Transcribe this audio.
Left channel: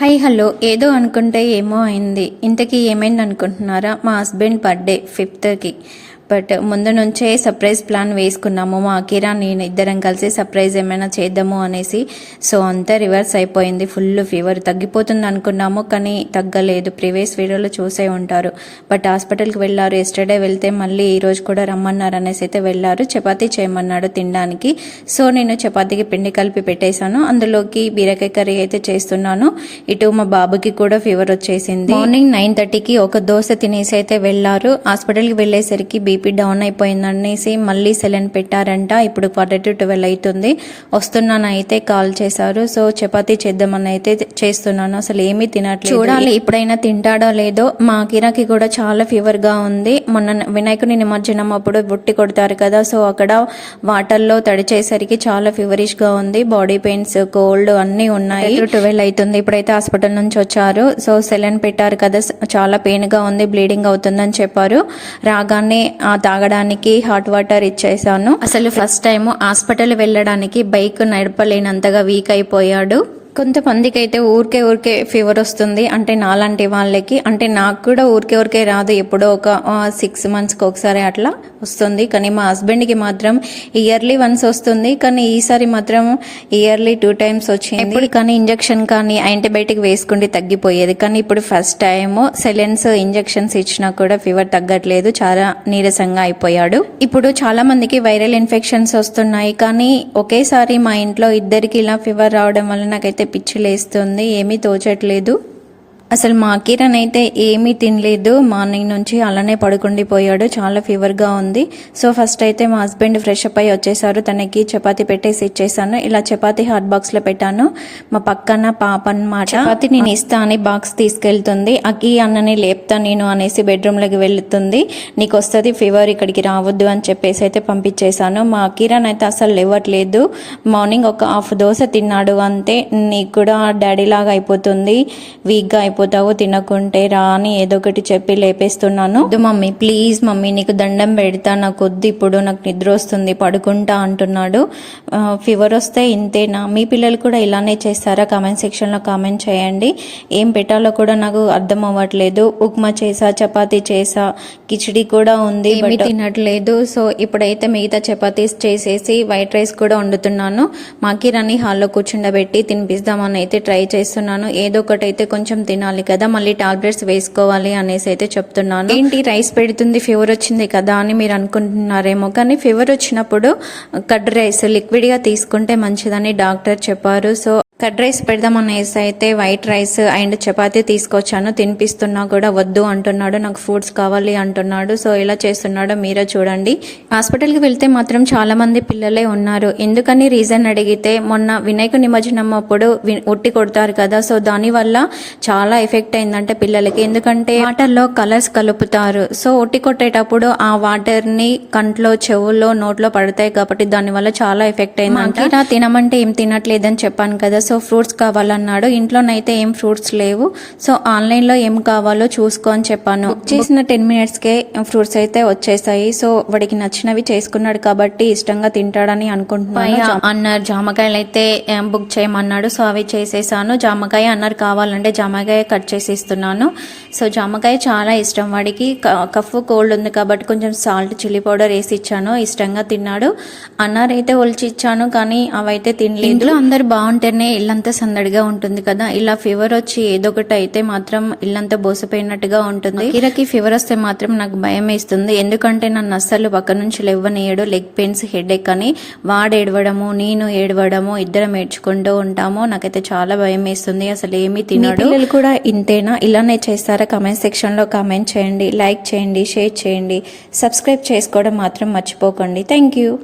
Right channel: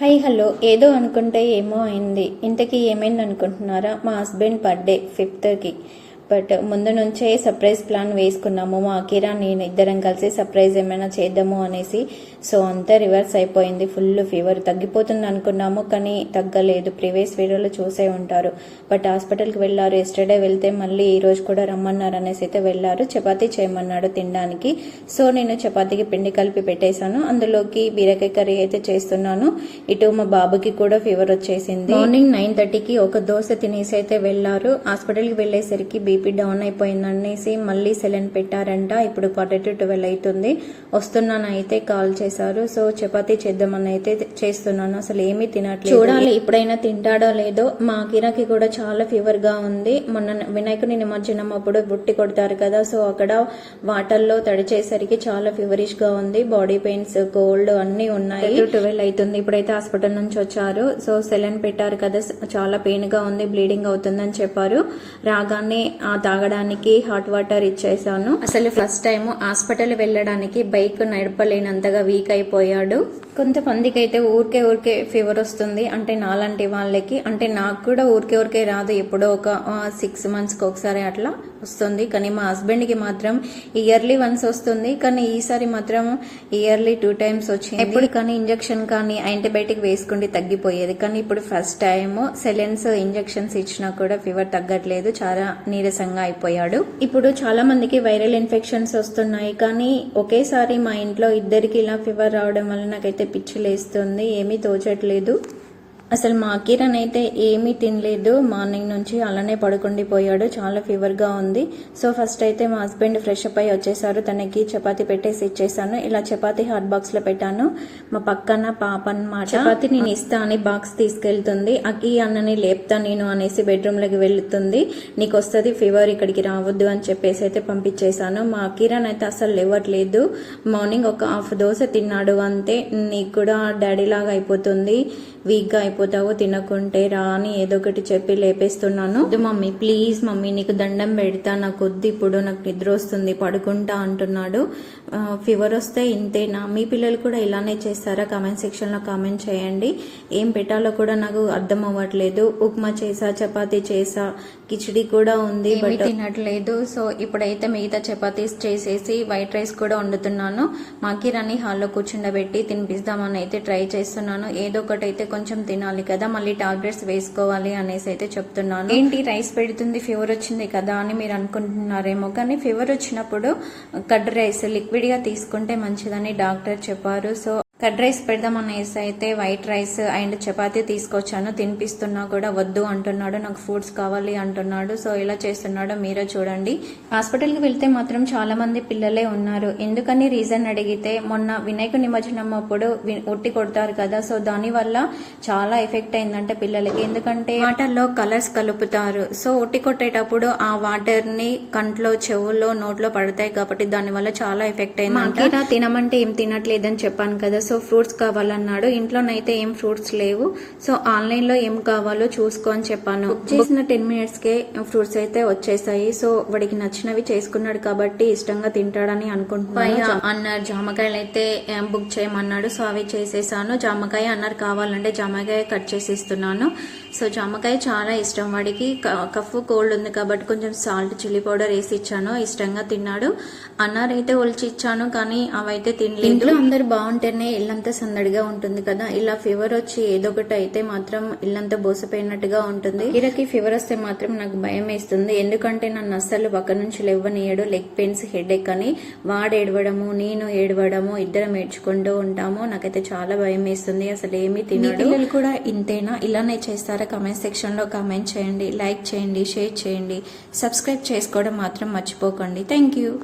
High hello. ఏదో అనుకుంటే ఏమో అయింది. ఇంతకీ ఏమైంది అనుకుంటున్నారా మా హస్బెండ్ బర్త్డే ఫిఫ్త్కి. బట్ ముందు నుంచే సర్ప్రైజ్ ప్లాన్ వేసుకున్నాము. మా అకిరా నేను ఇద్దరం కలిసి సర్ప్రైజ్ ఏమైనా చేద్దాము అనేసి. సో అంతా రివర్స్ అయిపోయింది. ఫుల్ ఫీవర్ తగ్గిపోతుంది అనుకున్నాము కానీ తగ్గలేదు. ప్రీవియస్ వీడియోలో చూసే ఉంటారు. బట్ హాస్పిటల్కి వెళ్ళారు. ఎస్టర్డే వెళ్తే మళ్ళీ ఈ రోజు కూడా రమ్మన్నారు అనేసి అయితే వెళ్ళారు. చపాతీ చేయమన్నాడు తినడానికి. సో నేను చపాతీకి పిండి కలిపి పెట్టేశాను. అందులోకి బీరకాయ కర్రీ అయితే చేస్తున్నాను. ఇటు మా బాబుకి కూడా ఫీవర్ వచ్చేసింది. మార్నింగ్ నైన్ థర్టీకి ఒక దోశ తినేసి అయితే వెళ్ళారు. హాస్పిటల్కి వెళ్ళేసరికి బీపీ డౌన్ అయిపోయిందనేసి మళ్ళీ సెలెన్ పెట్టారంట. ఇప్పుడు క్వార్టర్ టు ట్వెల్వ్ అవుతుంది వస్తున్నాను అయితే కాల్ చేశారు. సో చపాతీ చేద్దామని అయితే చేస్తున్నాను. అసలు ఏమీ తినట్లేదు. చూడాలి ఇప్పుడైనా తింటాడో లేదో. మా కిరాకి కూడా చాలా ఫీవర్గా ఉంది. మొన్న వినాయకుని నిమజ్జనం అప్పుడు బుట్టి కొడతారు కదా. సో అక్కడ వాటర్లో తడిచేసరికి చాలా ఫీవరిష్గా ఉంది. బాడీ పెయిన్స్ కోల్డ్ అన్నీ ఉన్నాయి. ట్వెల్వ్ అవుతుంది ఇప్పుడైతే హాస్పిటల్ నుంచి వచ్చారు. సో సెలెన్ పెట్టారు కదా. చాలా పెయిన్గా ఉంది. బ్లీడింగ్ అవుతుందని చెప్పారు. రాగానే తాగడానికి హాట్ వాటర్ ఇచ్చేసాను. అసలు ఫస్ట్ టైం హాస్పిటల్ వెళ్ళడానికి బైక్ నడపలేనంతగా వీక్ అయిపోయాడు. కొంతమందికి అయితే ఊరికే ఊరికే ఫీవర్ వస్తుంది. అంటే నాలాంటి వాళ్ళకి అంటే నాకు కూడా ఊరికే ఊరికే రాదు. ఎప్పుడో ఒక సిక్స్ మంత్స్కి ఒకసారి అట్లా వస్తుంది. కానీ మా హస్బెండ్కి మాత్రం ఇయర్లీ వన్స్ వస్తుంది. కానీ ఈసారి మాత్రం ఇయర్లీ టూ టైమ్స్ వచ్చింది. ఇప్పుడు కానీ ఇంజెక్షన్ కానీ యాంటీబయాటిక్ వేసుకుంటే తగ్గిపోయేది. కానీ ఇప్పుడు ఫస్ట్ టైం సెలెన్స్ ఇంజెక్షన్స్ ఇచ్చినా కూడా ఫీవర్ తగ్గట్లేదు. చాలా నీరసంగా అయిపోయాడు. ఇప్పుడు చాలా మందికి వైరల్ ఇన్ఫెక్షన్స్ వస్తున్నాయి. కానీ ఒకేసారి మా ఇంట్లో ఇద్దరికి ఇలా ఫీవర్ రావడం వల్ల నాకైతే పిచ్చి లేస్తుంది ఏమీ తోచట్లేదు. అసలు మా కిరణ్ అయితే ఏమీ తినలేదు. మార్నింగ్ నుంచి అలానే పడుకుండిపోయాడు చాలా ఫీవర్గా ఉంది. సో ఫస్ట్ అయితే మా హస్బెండ్ ఫ్రెష్ అప్ అయి వచ్చేసారు. తనకి చపాతి పెట్టేసి ఇచ్చేసాను. ఇలా చపాతి హాట్ బాక్స్లో పెట్టాను. మా పక్కన పాప అనమాట చపాతి నేను ఇస్తా అని బాక్స్ తీసుకెళ్తుంది. అకి అన్నని లేపుతా నేను అనేసి బెడ్రూమ్లోకి వెళ్తుంది. నీకు వస్తుంది ఫీవర్ ఇక్కడికి రావద్దు అని చెప్పేసి అయితే పంపించేశాను. మా కిరణ్ అయితే అసలు లేవట్లేదు. మార్నింగ్ ఒక హాఫ్ దోశ తిన్నాడు అంతే. నీకు కూడా డాడీ లాగా అయిపోతుంది. వీక్గా అయిపోతావో తినకుంటే రా అని ఏదో ఒకటి చెప్పి లేపేస్తున్నాను. మమ్మీ ప్లీజ్ మమ్మీ నీకు దండం పెడతా నాకు వద్దు ఇప్పుడు నాకు నిద్ర వస్తుంది పడుకుంటా అంటున్నాడు. ఫీవర్ వస్తే ఇంతేనా? మీ పిల్లలు కూడా ఇలానే చేస్తారా? కామెంట్ సెక్షన్లో కామెంట్ చేయండి. ఏం పెట్టాలో కూడా నాకు అర్థం అవ్వట్లేదు. ఉప్మా చేసా చపాతీ చేసా కిచిడి కూడా ఉంది ఏమీ తినట్లేదు. సో ఇప్పుడైతే మిగతా చపాతీస్ చేసేసి వైట్ రైస్ కూడా వండుతున్నాను. మాకిరాని హాల్లో కూర్చుండబెట్టి తినిపిస్తామని అయితే ట్రై చేస్తున్నాను. ఏదో ఒకటి అయితే కొంచెం తినాలి. కదా మళ్ళీ టాబ్లెట్స్ వేసుకోవాలి అనేసి అయితే చెప్తున్నాను. ఏంటి రైస్ పెడుతుంది ఫీవర్ వచ్చింది కదా అని మీరు అనుకుంటున్నారేమో కానీ ఫీవర్ వచ్చినప్పుడు కడ్ రైస్ లిక్విడ్గా తీసుకుంటే మంచిదని డాక్టర్ చెప్పారు. సో కర్డ్ రైస్ పెడదామనేసి అయితే వైట్ రైస్ అండ్ చపాతీ తీసుకొచ్చాను. తినిపిస్తున్నా కూడా వద్దు అంటున్నాడు. నాకు ఫుడ్స్ కావాలి అంటున్నాడు. సో ఎలా చేస్తున్నాడో మీరే చూడండి. హాస్పిటల్కి వెళ్తే మాత్రం చాలామంది పిల్లలే ఉన్నారు. ఎందుకని రీజన్ అడిగితే మొన్న వినాయక నిమజ్జనం అప్పుడు ఉట్టి కొడతారు కదా. సో దానివల్ల చాలా ఎఫెక్ట్ అయిందంటే పిల్లలకి. ఎందుకంటే వాటర్లో కలర్స్ కలుపుతారు. సో ఉట్టి కొట్టేటప్పుడు ఆ వాటర్ని కంట్లో చెవుల్లో నోట్లో పడతాయి కాబట్టి దానివల్ల చాలా ఎఫెక్ట్ అయిందంట. నా తినమంటే ఏం తినట్లేదని చెప్పాను కదా. సో ఫ్రూట్స్ కావాలన్నాడు. ఇంట్లోనైతే ఏం ఫ్రూట్స్ లేవు. సో ఆన్లైన్లో ఏం కావాలో చూసుకో అని చెప్పాను. చేసిన టెన్ మినిట్స్ కే ఫ్రూట్స్ అయితే వచ్చేసాయి. సో వాడికి నచ్చినవి చేసుకున్నాడు కాబట్టి ఇష్టంగా తింటాడని అనుకుంటున్నాను. అన్నారు జామకాయలు అయితే బుక్ చేయమన్నాడు. సో అవి చేసేసాను. జామకాయ అన్నారు కావాలంటే జామకాయ కట్ చేసి ఇస్తున్నాను సో జామకాయ చాలా ఇష్టం వాడికి. కఫ్ కోల్డ్ ఉంది కాబట్టి కొంచెం సాల్ట్ చిల్లీ పౌడర్ వేసి ఇచ్చాను. ఇష్టంగా తిన్నాడు. అన్నారు అయితే ఒలిచి ఇచ్చాను కానీ అవైతే తినలేదు. ఇంట్లో అందరు బాగుంటేనే ఇల్లంతా సందడిగా ఉంటుంది కదా. ఇలా ఫీవర్ వచ్చి ఏదో ఒకటి అయితే మాత్రం ఇల్లంతా బోసిపోయినట్టుగా ఉంటుంది. కిరకి ఫీవర్ వస్తే మాత్రం నాకు భయం వేస్తుంది ఎందుకంటే నన్ను అస్సలు పక్క నుంచి లేవనీయడు. లెగ్ పెయిన్స్ హెడ్ ఎక్ అని వాడు ఏడవడము నేను ఏడవడము ఇద్దరం ఏడ్చుకుంటూ ఉంటాము. నాకైతే చాలా భయం వేస్తుంది. అసలు ఏమీ తినడు. పిల్లలు కూడా ఇంతేనా? ఇలానే చేస్తారా? కమెంట్ సెక్షన్లో కామెంట్ చేయండి. లైక్ చేయండి షేర్ చేయండి. సబ్స్క్రైబ్ చేసుకోవడం మాత్రం మర్చిపోకండి. Thank you